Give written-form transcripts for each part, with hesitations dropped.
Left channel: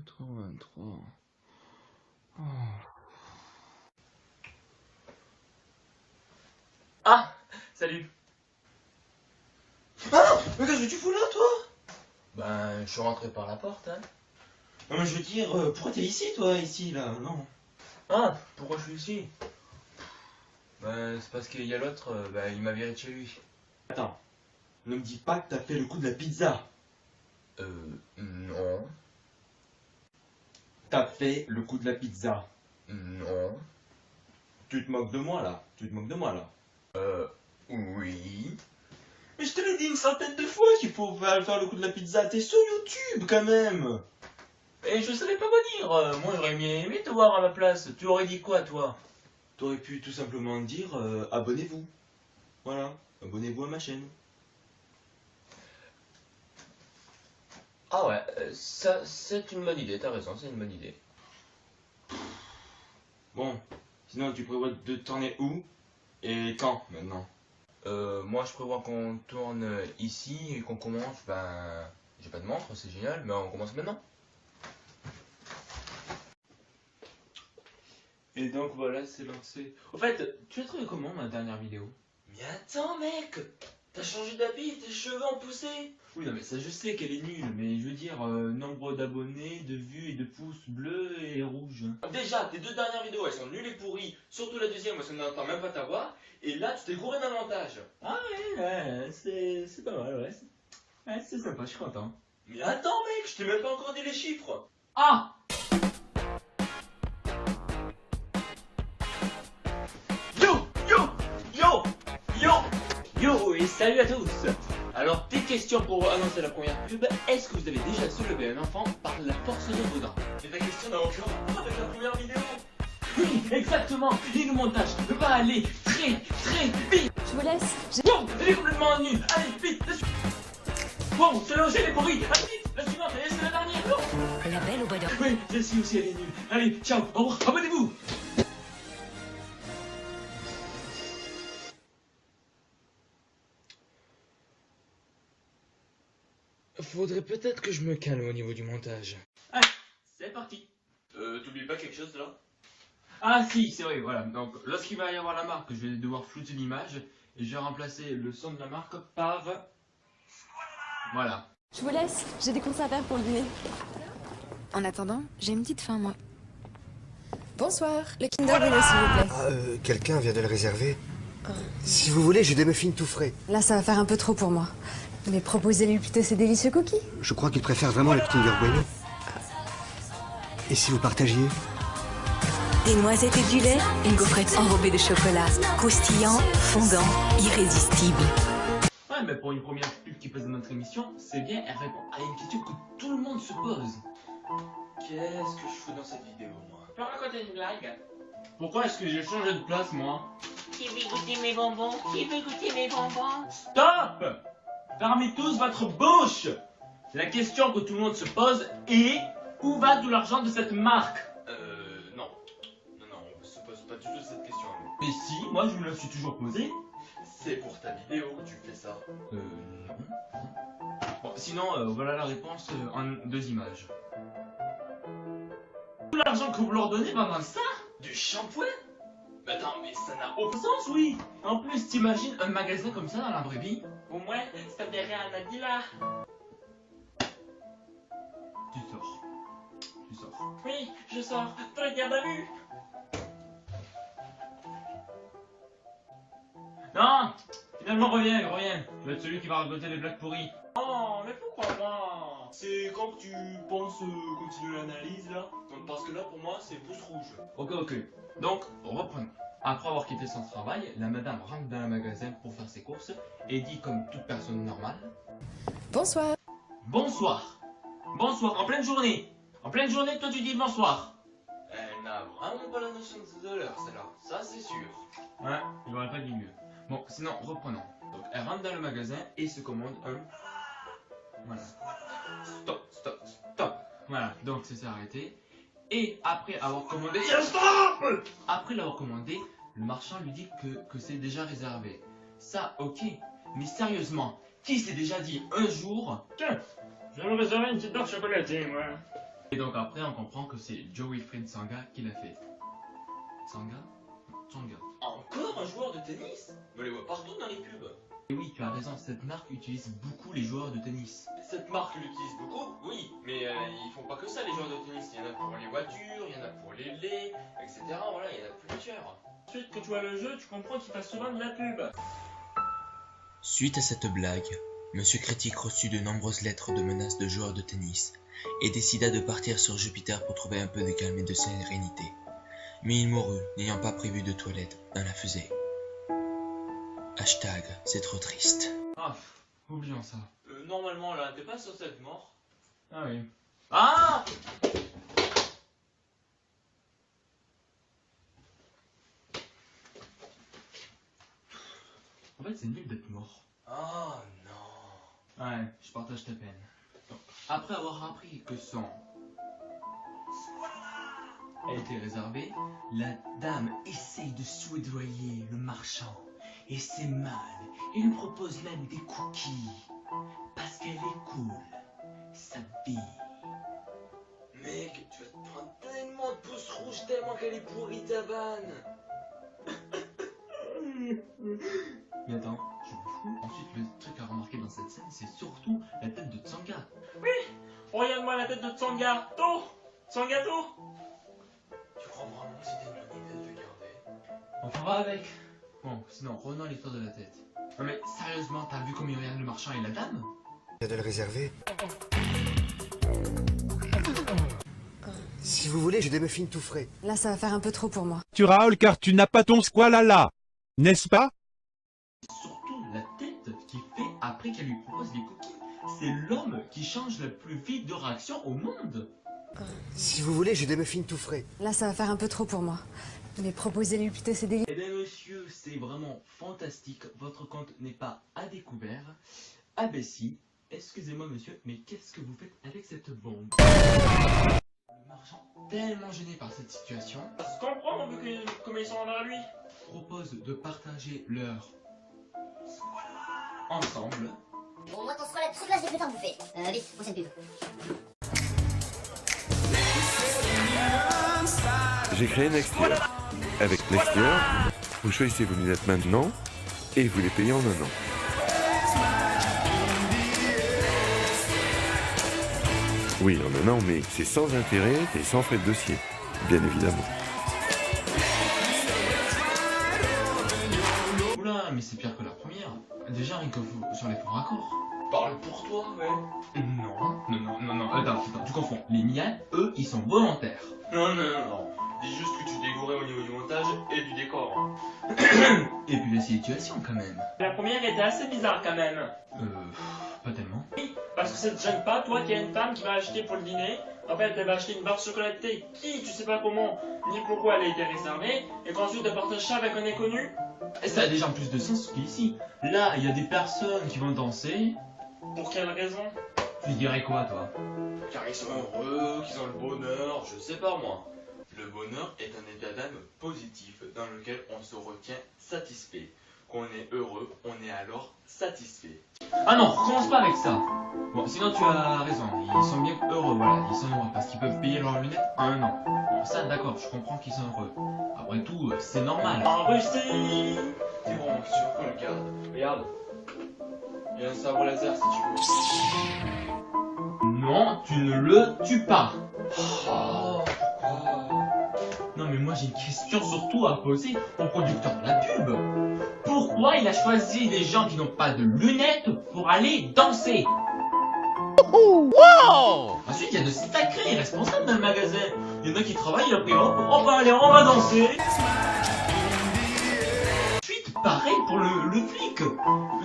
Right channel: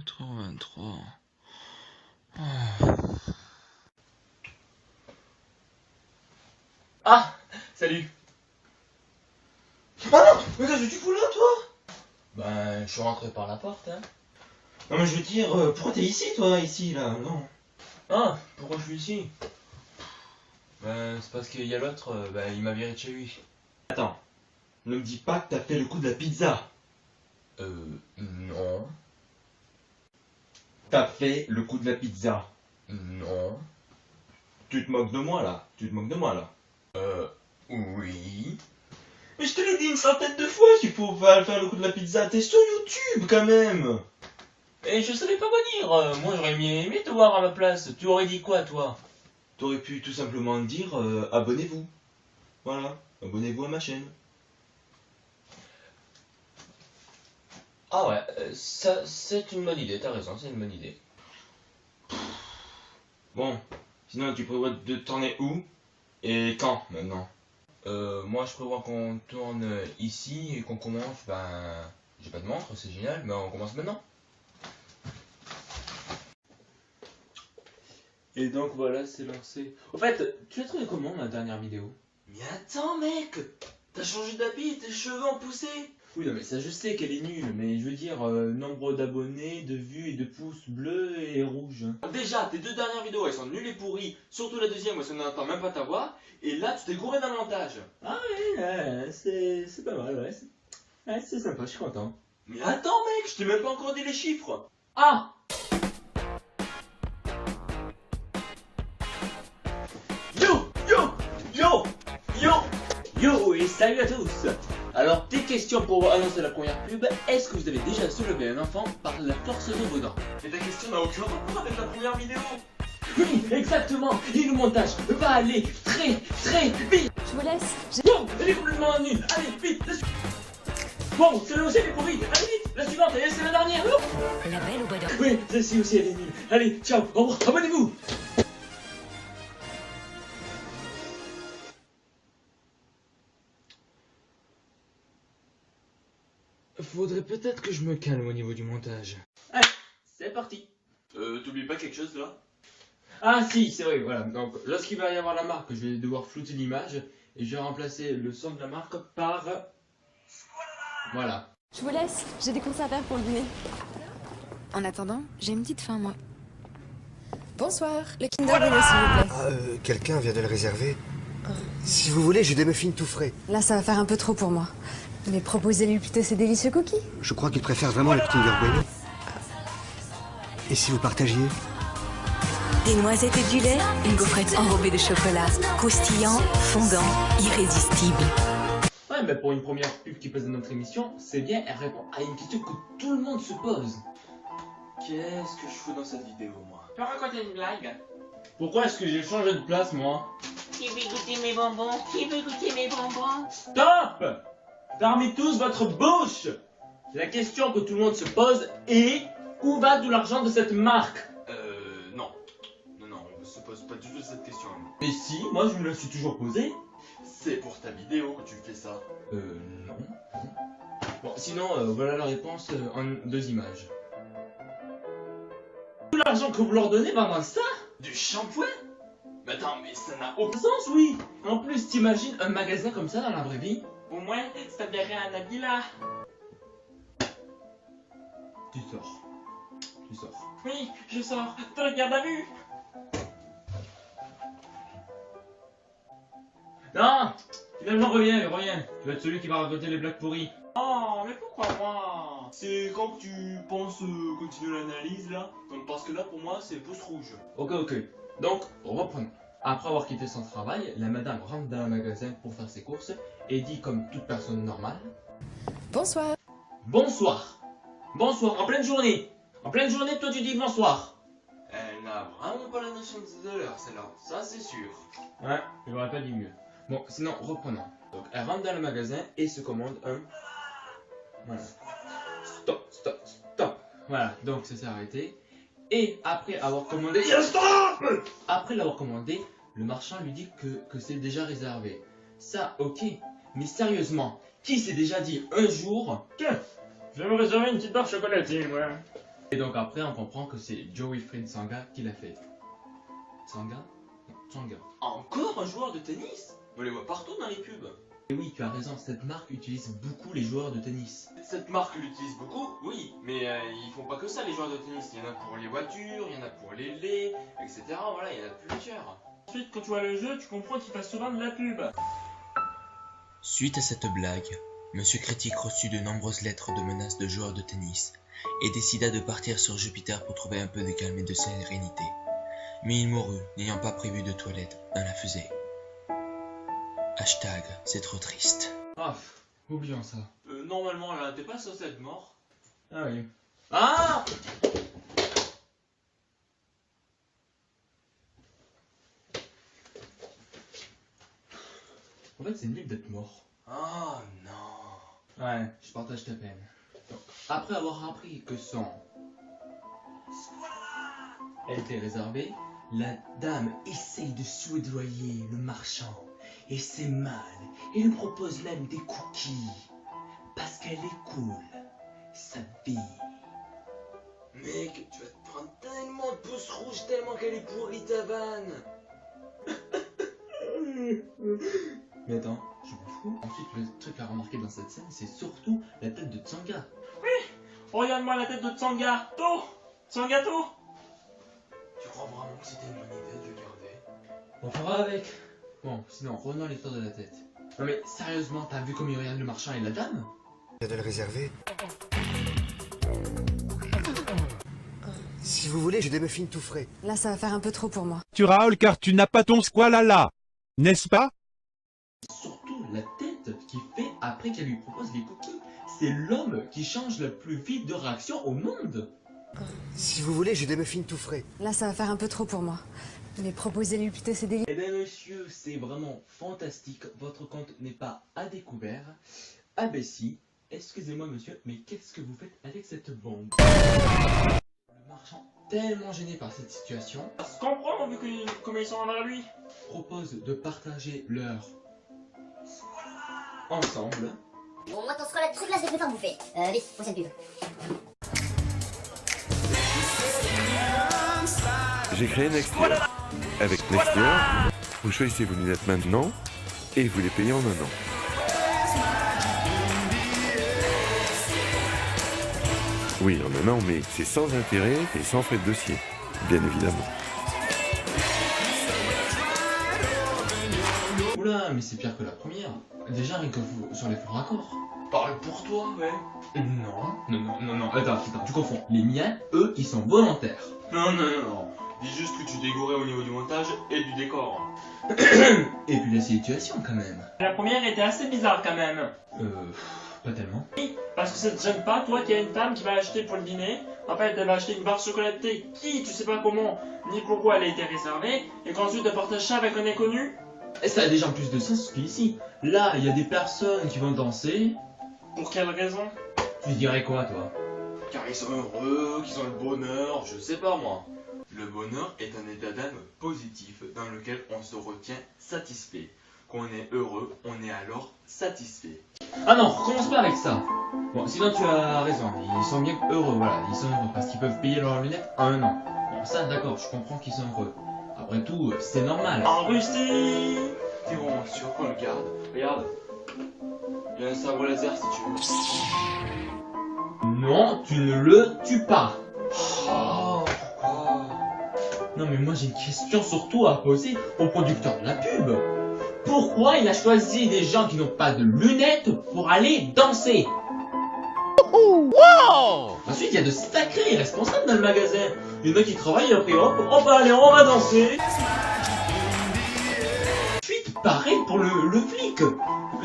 4h23. Oh. Ah, salut. Ah, mais qu'est-ce que tu fous là, toi? Ben, je suis rentré par la porte, hein. Non, mais je veux dire, pourquoi t'es ici, toi, ici, là? Non. Ah, pourquoi je suis ici? Ben, c'est parce qu'il y a l'autre, ben, il m'a viré de chez lui. Attends, ne me dis pas que t'as fait le coup de la pizza. Non. T'as fait le coup de la pizza. Non. Tu te moques de moi, là. Tu te moques de moi, là. Oui. Mais je te l'ai dit une centaine de fois qu'il faut faire le coup de la pizza. T'es sur YouTube, quand même. Et je savais pas quoi dire. Moi, j'aurais aimé te voir à ma place. Tu aurais dit quoi, toi? T'aurais pu tout simplement dire abonnez-vous. Voilà, abonnez-vous à ma chaîne. Ah ouais, ça, c'est une bonne idée. T'as raison, c'est une bonne idée. Bon, sinon tu prévois de tourner où et quand maintenant? Moi, je prévois qu'on tourne ici et qu'on commence, ben... J'ai pas de montre, c'est génial, mais on commence maintenant. Et donc voilà, c'est lancé. Au fait, tu as trouvé comment ma dernière vidéo? Mais attends, mec, t'as changé d'habit, tes cheveux ont poussé. Oui, non, mais ça, je sais qu'elle est nulle, mais je veux dire, nombre d'abonnés, de vues et de pouces bleus et rouges. Déjà, tes deux dernières vidéos, elles sont nulles et pourries. Surtout la deuxième, où ça n'entend même pas ta voix. Et là, tu t'es gouré d'un montage. Ah ouais, c'est pas mal, ouais. Ouais, c'est sympa, je suis content. Mais attends, mec, je t'ai même pas encore dit les chiffres. Ah! Yo, yo, yo, yo. Yo et salut à tous! Alors, petite question pour annoncer la première pub. Est-ce que vous avez déjà soulevé un enfant par la force de vos dents? Mais ta question n'a aucun rapport avec la première vidéo. Oui, exactement! Et le montage va aller très vite! Je vous laisse. Bon, elle est complètement nue! Allez, vite! Bon, celle-là aussi elle est pourrie! Allez, vite! La suivante, et c'est la dernière! Non? La belle au bois dormant. Oui, celle-ci aussi elle est nulle! Allez, ciao! Au revoir! Abonnez-vous! Faudrait peut-être que je me calme au niveau du montage. Allez, c'est parti! T'oublies pas quelque chose là? Ah si, c'est vrai, voilà. Donc, lorsqu'il va y avoir la marque, je vais devoir flouter l'image et je vais remplacer le son de la marque par... Voilà. Je vous laisse. J'ai des courses à faire pour le dîner. En attendant, j'ai une petite faim, moi. Bonsoir. Le Kinder Bueno, s'il vous plaît. Ah, quelqu'un vient de le réserver. Si vous voulez, j'ai des muffins tout frais. Là, ça va faire un peu trop pour moi. Mais proposez-lui plutôt ces délicieux cookies. Je crois qu'il préfère vraiment le Kinder Bueno. Et si vous partagiez? Des noisettes et du lait, une gaufrette enrobée de chocolat, croustillant, fondant, irrésistible. Ouais, mais pour une première pub qui passe dans notre émission, c'est bien, elle répond à une question que tout le monde se pose. Qu'est-ce que je fous dans cette vidéo, moi? Tu peux raconter une blague? Pourquoi est-ce que j'ai changé de place, moi? Qui veut goûter mes bonbons? Qui veut goûter mes bonbons? Stop! Fermez tous votre bouche! La question que tout le monde se pose est... Où va tout l'argent de cette marque? Non. Non, on se pose pas du tout cette question. Mais si, moi je me la suis toujours posée. C'est pour ta vidéo que tu fais ça. Non. Bon, sinon, voilà la réponse en 2 images. Tout l'argent que vous leur donnez va dans ça? Du shampoing? Mais attends, mais ça n'a Au aucun... sens, oui. En plus, t'imagines un magasin comme ça dans la vraie vie? Au moins, ça verrait à Nabila. Tu sors. Tu sors. Oui, je sors. Toi, le garde à vue. Non! Finalement, reviens. Tu vas être celui qui va raconter les blagues pourries. Oh, mais pourquoi moi? C'est quand que tu penses continuer l'analyse là? Donc, parce que là pour moi c'est pouce rouge. Ok. Donc, reprenons. Après avoir quitté son travail, la madame rentre dans le magasin pour faire ses courses et dit comme toute personne normale: Bonsoir. Bonsoir. Bonsoir, en pleine journée. En pleine journée, toi tu dis bonsoir. Elle n'a vraiment pas la notion de l'heure celle-là, ça c'est sûr. Ouais, il aurait pas dit mieux. Bon, sinon, reprenons. Donc, elle rentre dans le magasin et se commande un... Voilà. Stop. Voilà, donc ça s'est arrêté. Et après avoir commandé... Stop! Après l'avoir commandé, le marchand lui dit que c'est déjà réservé. Ça, ok. Mais sérieusement, qui s'est déjà dit un jour: tiens, je vais me réserver une petite barre chocolatée, moi. Et donc après, on comprend que c'est Wilfried Tsonga qui l'a fait. Tsonga? Tsonga. Encore un joueur de tennis? On les voit partout dans les pubs. Et oui, tu as raison, cette marque utilise beaucoup les joueurs de tennis. Cette marque l'utilise beaucoup, oui, mais ils font pas que ça les joueurs de tennis. Il y en a pour les voitures, il y en a pour les laits, etc. Voilà, il y en a plusieurs. Ensuite, quand tu vois le jeu, tu comprends qu'il passe souvent de la pub. Suite à cette blague, Monsieur Critique reçut de nombreuses lettres de menaces de joueurs de tennis et décida de partir sur Jupiter pour trouver un peu de calme et de sérénité. Mais il mourut, n'ayant pas prévu de toilette dans la fusée. Hashtag, c'est trop triste. Ah, oublions ça. Normalement là, t'es pas censé être mort. Ah oui. Ah! En fait, c'est nul d'être mort. Oh non. Ouais, je partage ta peine. Donc, après avoir appris que son a été réservé, la dame essaye de soudoyer le marchand. Et c'est mal. Il lui propose même des cookies. Parce qu'elle est cool. Sa fille. Mec, tu vas te prendre tellement de pouces rouges tellement qu'elle est pourrie ta vanne. Mais attends, je m'en fous. Ensuite, le truc à remarquer dans cette scène, c'est surtout la tête de Tsonga. Regarde-moi la tête de Tsangato. Tsangato. Tu crois vraiment que c'était une bonne idée de le garder? On fera avec. Bon, sinon, revenons à l'histoire de la tête. Non mais sérieusement, t'as vu comme il regarde le marchand et la dame? De le réserver. Si vous voulez, j'ai des muffins tout frais. Là, ça va faire un peu trop pour moi. Tu râles car tu n'as pas ton squalala, n'est-ce pas? Surtout la tête qu'il fait après qu'elle lui propose les cookies. C'est l'homme qui change la plus vite de réaction au monde. Si vous voulez, j'ai des muffins tout frais. Là, ça va faire un peu trop pour moi. Mais proposez-lui plutôt ces délits. Eh bien monsieur, c'est vraiment fantastique. Votre compte n'est pas à découvert. Ah ben si. Excusez-moi monsieur, mais qu'est-ce que vous faites avec cette bombe? Le marchand, tellement gêné par cette situation, Ça se comprend vu que comme ils sont envers lui. propose de partager leur ensemble. Bon, moi, quand ce sera la truc là, je l'ai fait en bouffer. Vite, prochaine pub. J'ai créé Nextier. Avec Nextier, vous choisissez vos lunettes maintenant et vous les payez en un an. Oui, en un an, mais c'est sans intérêt et sans frais de dossier, bien évidemment. Oula, mais c'est pire que la première. Déjà rien que vous, sur les faux raccords. Parle pour toi, ouais. Non, attends, tu confonds. Les miens, eux, ils sont volontaires. Non. Dis juste que tu dégourrais au niveau du montage et du décor. Et puis la situation quand même. La première était assez bizarre quand même. Pas tellement. Parce que ça te gêne pas, toi qui as une femme qui va acheter pour le dîner. En fait, elle va acheter une barre chocolatée qui, tu sais pas comment, ni pourquoi elle a été réservée. Et qu'ensuite elle partage ça avec un inconnu. Et ça a déjà plus de sens qu'ici. Là, il y a des personnes qui vont danser. Pour quelle raison? Tu dirais quoi, toi? Car ils sont heureux, qu'ils ont le bonheur, je sais pas moi. Le bonheur est un état d'âme positif dans lequel on se retient satisfait. Quand on est heureux, on est alors satisfait. Ah non, commence pas avec ça. Bon, sinon tu as raison, ils sont bien heureux, voilà, ils sont heureux parce qu'ils peuvent payer leurs lunettes en un an. Bon, ça d'accord, je comprends qu'ils sont heureux. Après tout, c'est normal. En Russie. T'es vraiment sûr qu'on le garde? Regarde. Il y a un sabre laser si tu veux. Non, tu ne le tues pas. Oh, pourquoi? Non mais moi j'ai une question surtout à poser au producteur de la pub. Pourquoi il a choisi des gens qui n'ont pas de lunettes pour aller danser? Ensuite il y a de sacrés responsables dans le magasin. Il y en a qui travaillent après hop, on va aller, on va danser. Ensuite pareil pour le flic.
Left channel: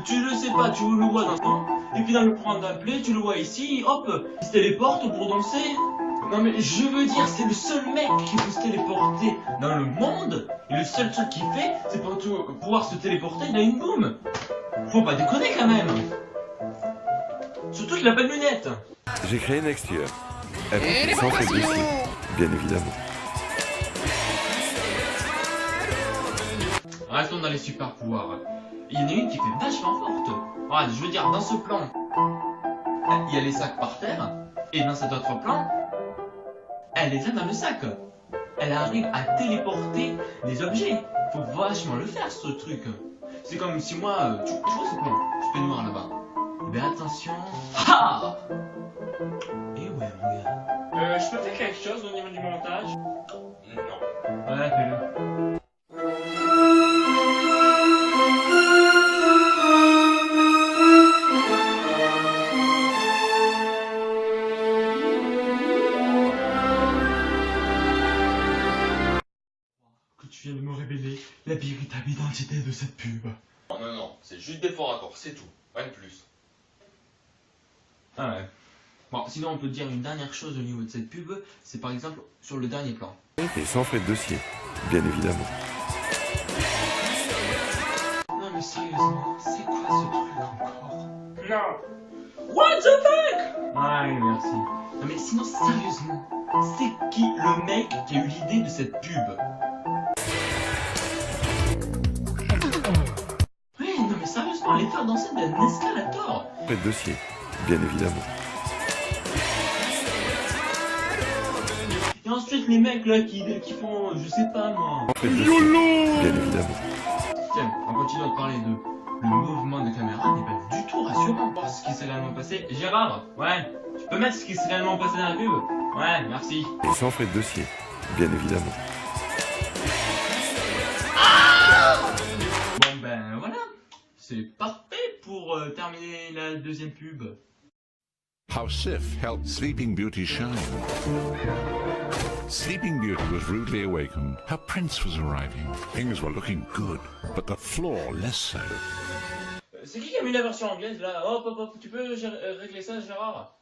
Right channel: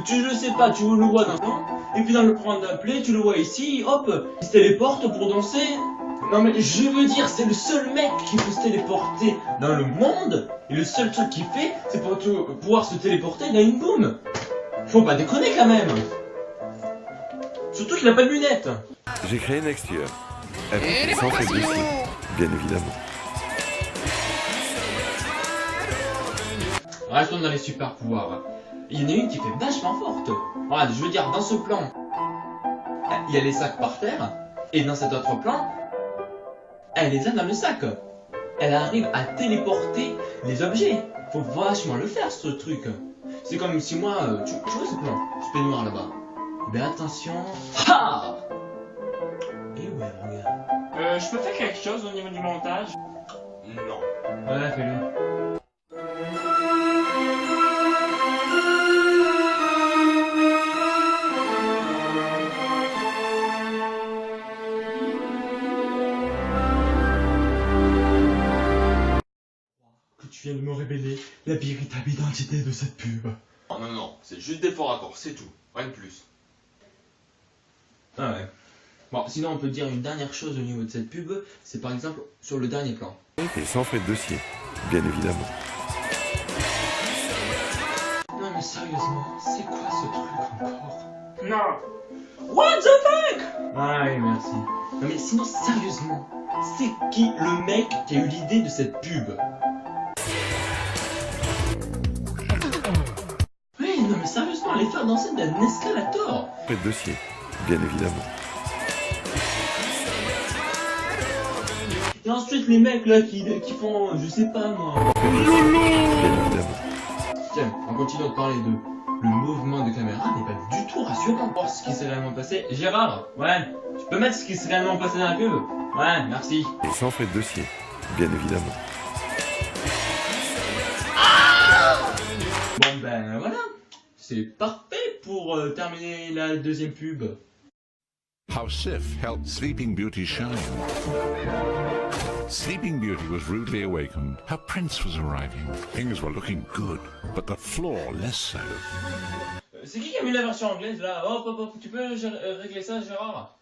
Tu le sais pas, tu le vois dans et puis dans le point d'un play, tu le vois ici, hop, il se téléporte pour danser. Non mais je veux dire, c'est le seul mec qui peut se téléporter dans le monde. Et le seul truc qu'il fait, c'est pour pouvoir se téléporter dans une boum. Faut pas déconner quand même. Surtout qu'il a pas de lunettes. J'ai créé Nextier. Avec sans frais de dossier, bien évidemment. Restons dans les super pouvoirs. Il y en a une qui fait vachement forte. Regarde, je veux dire, dans ce plan, il y a les sacs par terre. Et dans cet autre plan, elle les a dans le sac. Elle arrive à téléporter les objets. Faut vachement le faire ce truc. C'est comme si moi, tu vois ce plan, ce peignoir là-bas. Mais attention. Ha! Et ouais, regarde. Je peux faire quelque chose au niveau du montage? Non. Ouais, fais-le. Que tu viennes me révéler la véritable identité de cette pub. Non, non, non, c'est juste des faux raccords, c'est tout. Rien de plus. Ah ouais. Bon, sinon on peut dire une dernière chose au niveau de cette pub, c'est par exemple sur le dernier plan. Et sans frais de dossier, bien évidemment. Non mais sérieusement, c'est quoi ce truc encore? Non. What the fuck? Ouais, merci. Non mais sinon sérieusement, c'est qui le mec qui a eu l'idée de cette pub? Ouais, non mais sérieusement, les faire danser d'un escalator. Frais de dossier, bien évidemment. Et ensuite les mecs là qui font, je sais pas moi. Frais de dossier, bien évidemment. Tiens, on continue de parler de... Le mouvement de caméra n'est pas du tout rassurant. Or, ce qui s'est réellement passé... Gérard, ouais, tu peux mettre ce qui s'est réellement passé dans la pub? Ouais, merci. Et sans frais de dossier, bien évidemment. Bon ben voilà, c'est parfait pour terminer la deuxième pub. How Sif helped Sleeping Beauty shine. Sleeping Beauty was rudely awakened. Her prince was arriving. Things were looking good, but the floor less so. C'est qui a mis la version anglaise là? Hop hop hop, tu peux régler ça Gérard?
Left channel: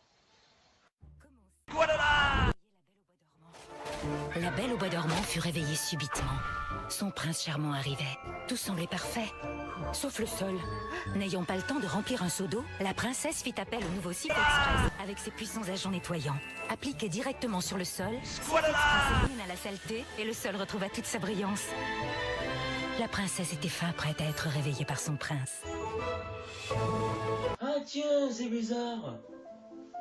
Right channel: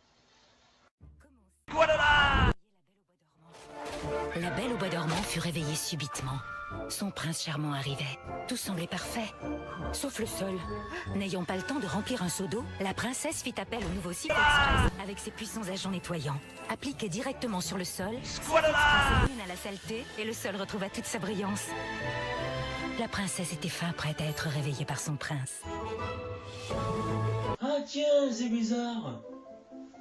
La Belle au bois dormant fut réveillée subitement. Son prince charmant arrivait. Tout semblait parfait, sauf le sol. N'ayant pas le temps de remplir un seau d'eau, la princesse fit appel au nouveau Sif Express avec ses puissants agents nettoyants. Appliqués directement sur le sol, Sif Express élimina la saleté et le sol retrouva toute sa brillance. La princesse était fin prête à être réveillée par son prince. Ah tiens, c'est bizarre.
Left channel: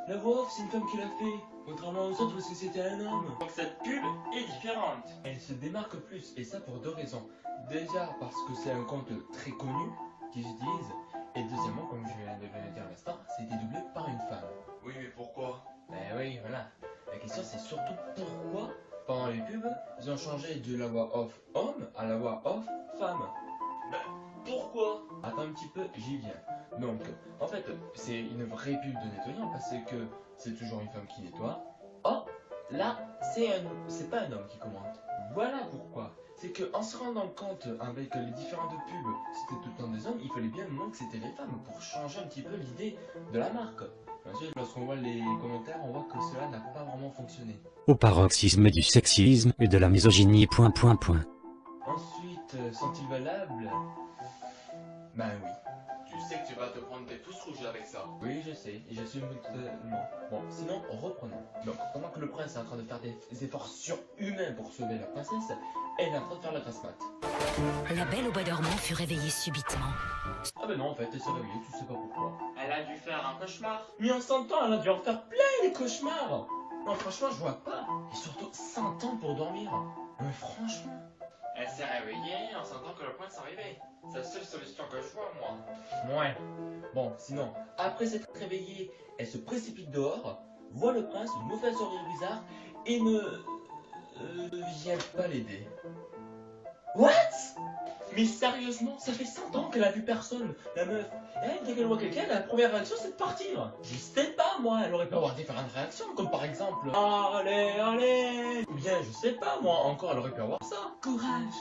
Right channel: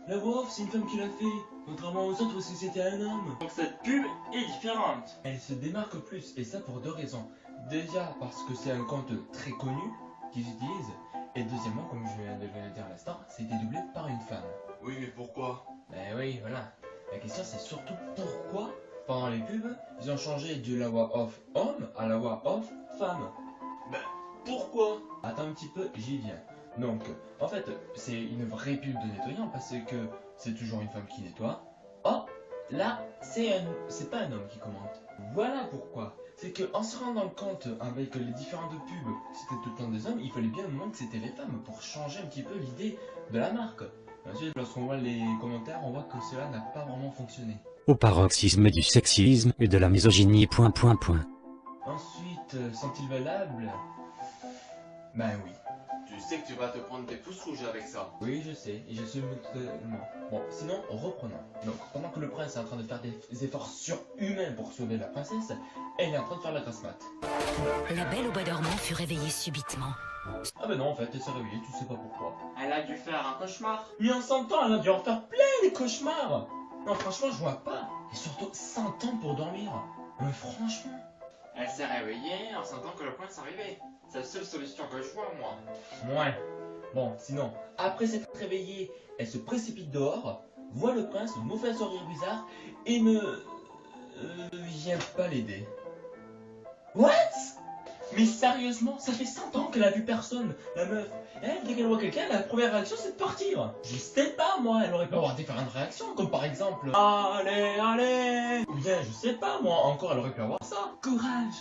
La voix off, c'est une femme qui l'a fait. Contrairement aux autres, parce que c'était un homme. Donc cette pub est différente. Elle se démarque plus, et ça pour deux raisons. Déjà parce que c'est un compte très connu qu'ils utilisent, et deuxièmement, comme je viens de le dire à l'instant, c'était doublé par une femme. Oui, mais pourquoi? Ben oui, voilà. La question c'est surtout pourquoi, pendant les pubs, ils ont changé de la voix off homme à la voix off femme. Ben, pourquoi? Attends un petit peu, j'y viens. Donc, en fait, c'est une vraie pub de nettoyant parce que c'est toujours une femme qui nettoie. Oh, là, c'est pas un homme qui commente. Voilà pourquoi. C'est que en se rendant compte avec les différentes pubs, c'était tout le temps des hommes, il fallait bien au moment que c'était les femmes pour changer un petit peu l'idée de la marque. Ensuite, lorsqu'on voit les commentaires, on voit que cela n'a pas vraiment fonctionné. Au paroxysme du sexisme et de la misogynie. Ensuite, sont-ils valables? Ben oui. Tu sais que tu vas te prendre des pouces rouges avec ça. Oui, je sais, et j'assume totalement. Bon, sinon, reprenons. Donc, pendant que le prince est en train de faire des efforts surhumains pour sauver la princesse, elle est en train de faire la grasse mat. La Belle au bois dormant fut réveillée subitement. Ah ben non, en fait, elle s'est réveillée, tu sais pas pourquoi. Elle a dû faire un cauchemar. Mais en 100 ans, elle a dû en faire plein des cauchemars. Non, franchement, je vois pas. Et surtout, 100 ans pour dormir. Mais franchement... Elle s'est réveillée en sentant que le prince arrivait. C'est la seule solution que je vois, moi. Ouais. Bon, sinon, après s'être réveillée, elle se précipite dehors, voit le prince, nous fait un sourire bizarre, et ne... vient pas l'aider. What? Mais sérieusement, ça fait 100 ans qu'elle a vu personne, la meuf. Elle, dès qu'elle voit quelqu'un, la première réaction c'est de partir. Je sais pas moi, elle aurait pu avoir différentes réactions, comme par exemple allez, allez. Ou bien, je sais pas moi, encore elle aurait pu avoir ça. Courage,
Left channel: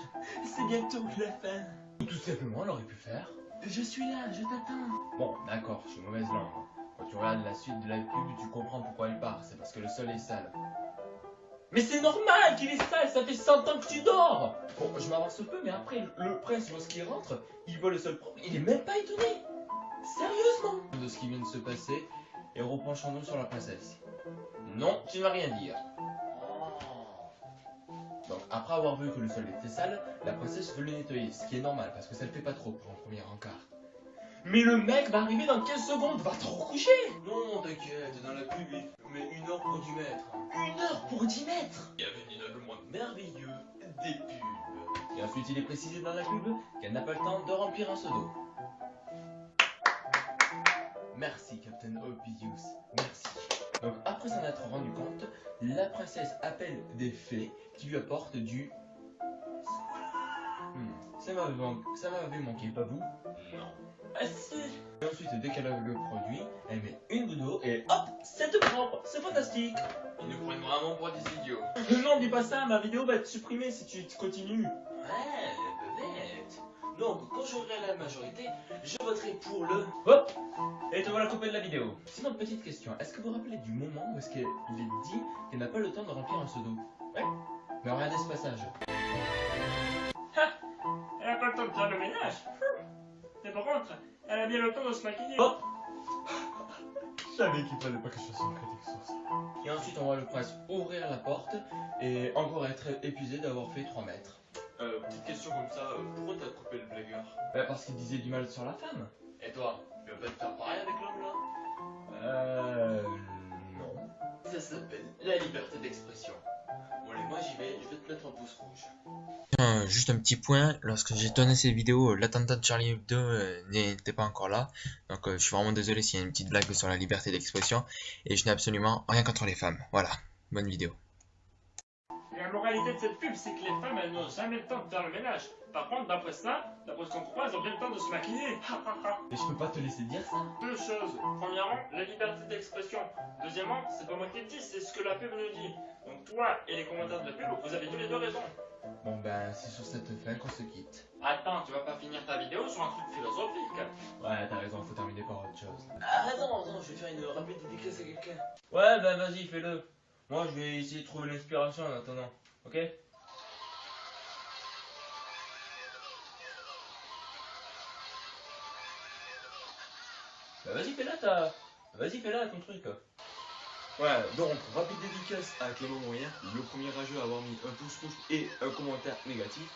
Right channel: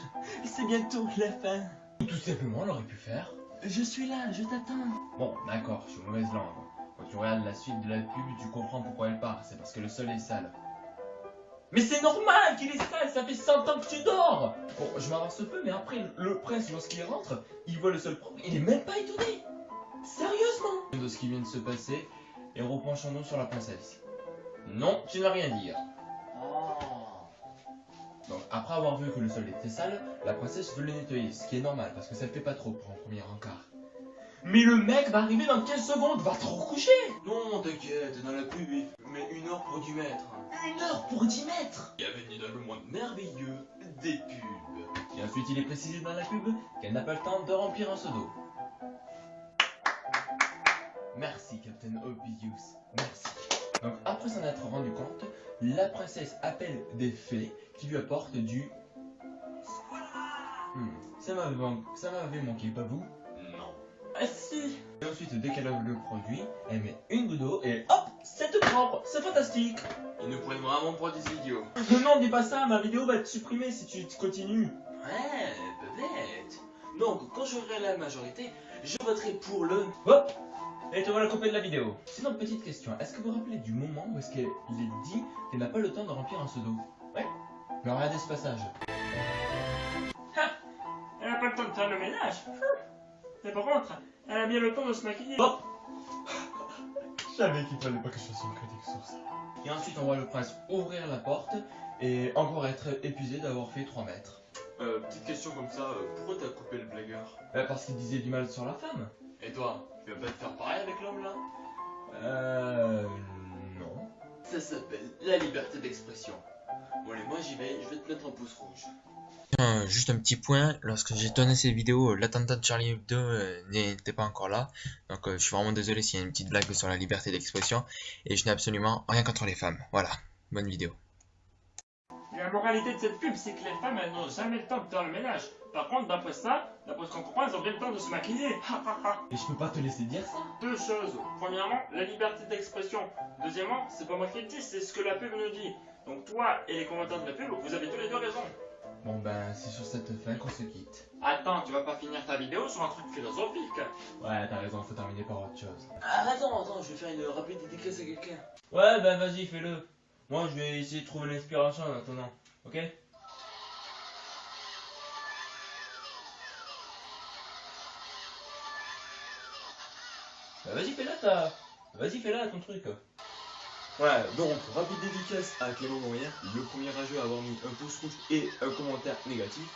c'est bientôt la fin. Ou tout simplement, elle aurait pu faire je suis là, je t'attends. Bon, d'accord, je suis mauvaise langue. Quand tu regardes la suite de la pub, tu comprends pourquoi elle part, c'est parce que le sol est sale. Mais c'est normal qu'il est sale, ça fait 100 ans que tu dors. Bon, je m'avance un peu, mais après, le prince, lorsqu'il rentre, il voit le sol propre, il est même pas étonné. Sérieusement. De ce qui vient de se passer, et repenchons-nous sur la princesse. Non, tu n'as rien dire. Donc, après avoir vu que le sol était sale, la princesse veut le nettoyer, ce qui est normal, parce que ça le fait pas trop pour un premier encart. Mais le mec va arriver dans 15 secondes, va te recoucher. Non, t'inquiète, dans la pub, il met 1 heure pour 10 mètres. 1 heure pour 10 mètres. Bienvenue dans le monde merveilleux des pubs. Et ensuite, il est précisé dans la pub qu'elle n'a pas le temps de remplir un seau d'eau. Merci, Captain Obvious. Merci. Donc, après s'en être rendu compte, la princesse appelle des fées qui lui apportent du... Ça m'avait manqué, pas vous? Non. Ah si. Et ensuite, dès qu'elle a le produit, elle met une goutte d'eau et hop, c'est tout propre, c'est fantastique. Ils nous prennent vraiment pour des idiots. Non, dis pas ça, ma vidéo va être supprimée si tu continues. Ouais, peut-être. Donc, quand j'aurai la majorité, je voterai pour le... Hop. Et te voilà coupé de la vidéo. Sinon, petite question, est-ce que vous vous rappelez du moment où est-ce qu'elle dit qu'elle n'a pas le temps de remplir un seau d'eau? Ouais. Mais regardez ce passage. Elle a pas le temps de faire le ménage. Mais par contre, elle a bien le temps de se maquiller. Hop. Je savais qu'il fallait pas que je fasse une critique sur ça. Et ensuite, on voit le prince ouvrir la porte et encore être épuisé d'avoir fait 3 mètres. Petite question comme ça, pourquoi t'as coupé le blagueur? Parce qu'il disait du mal sur la femme. Et toi, tu vas pas te faire pareil avec l'homme là? Non. Ça s'appelle la liberté d'expression. Bon allez, moi j'y vais, je vais te mettre un pouce rouge. Juste un petit point, lorsque j'ai tourné cette vidéo, l'attentat de Charlie Hebdo n'était pas encore là. Donc je suis vraiment désolé s'il y a une petite blague sur la liberté d'expression. Et je n'ai absolument rien contre les femmes. Voilà, bonne vidéo. La moralité de cette pub, c'est que les femmes, elles n'ont jamais le temps de faire le ménage. Par contre, d'après ça, d'après ce qu'on comprend, elles ont bien le temps de se maquiller. Et je peux pas te laisser dire ça. 2 choses. Premièrement, la liberté d'expression. Deuxièmement, c'est pas moi qui le dis, c'est ce que la pub nous dit. Donc toi et les commentaires de la pub, vous avez tous les deux raison. Bon ben, c'est sur cette fin qu'on se quitte. Attends, tu vas pas finir ta vidéo sur un truc philosophique. Ouais, t'as raison, faut terminer par autre chose. Ah, attends, je vais faire une rapide dédicace à quelqu'un. Ouais, ben vas-y, fais-le. Moi, je vais essayer de trouver l'inspiration en attendant, ok? Bah vas-y, fais-la ton truc. Ouais, donc, rapide dédicace à Clément Moyen, le premier rageux à avoir mis un pouce rouge et un commentaire négatif,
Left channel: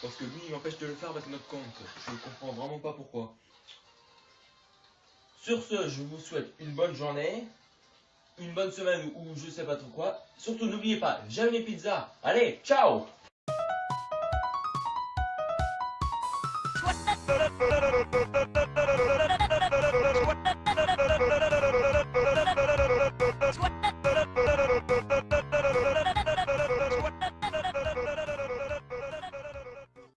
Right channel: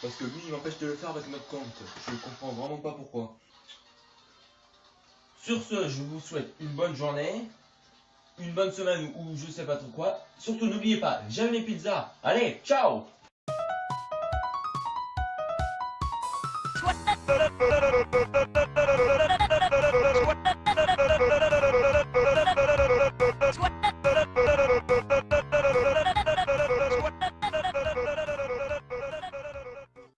parce que lui il m'empêche de le faire avec notre compte. Je ne comprends vraiment pas pourquoi. Sur ce, je vous souhaite une bonne journée, une bonne semaine ou je sais pas trop quoi. Surtout n'oubliez pas, j'aime les pizzas. Allez, ciao!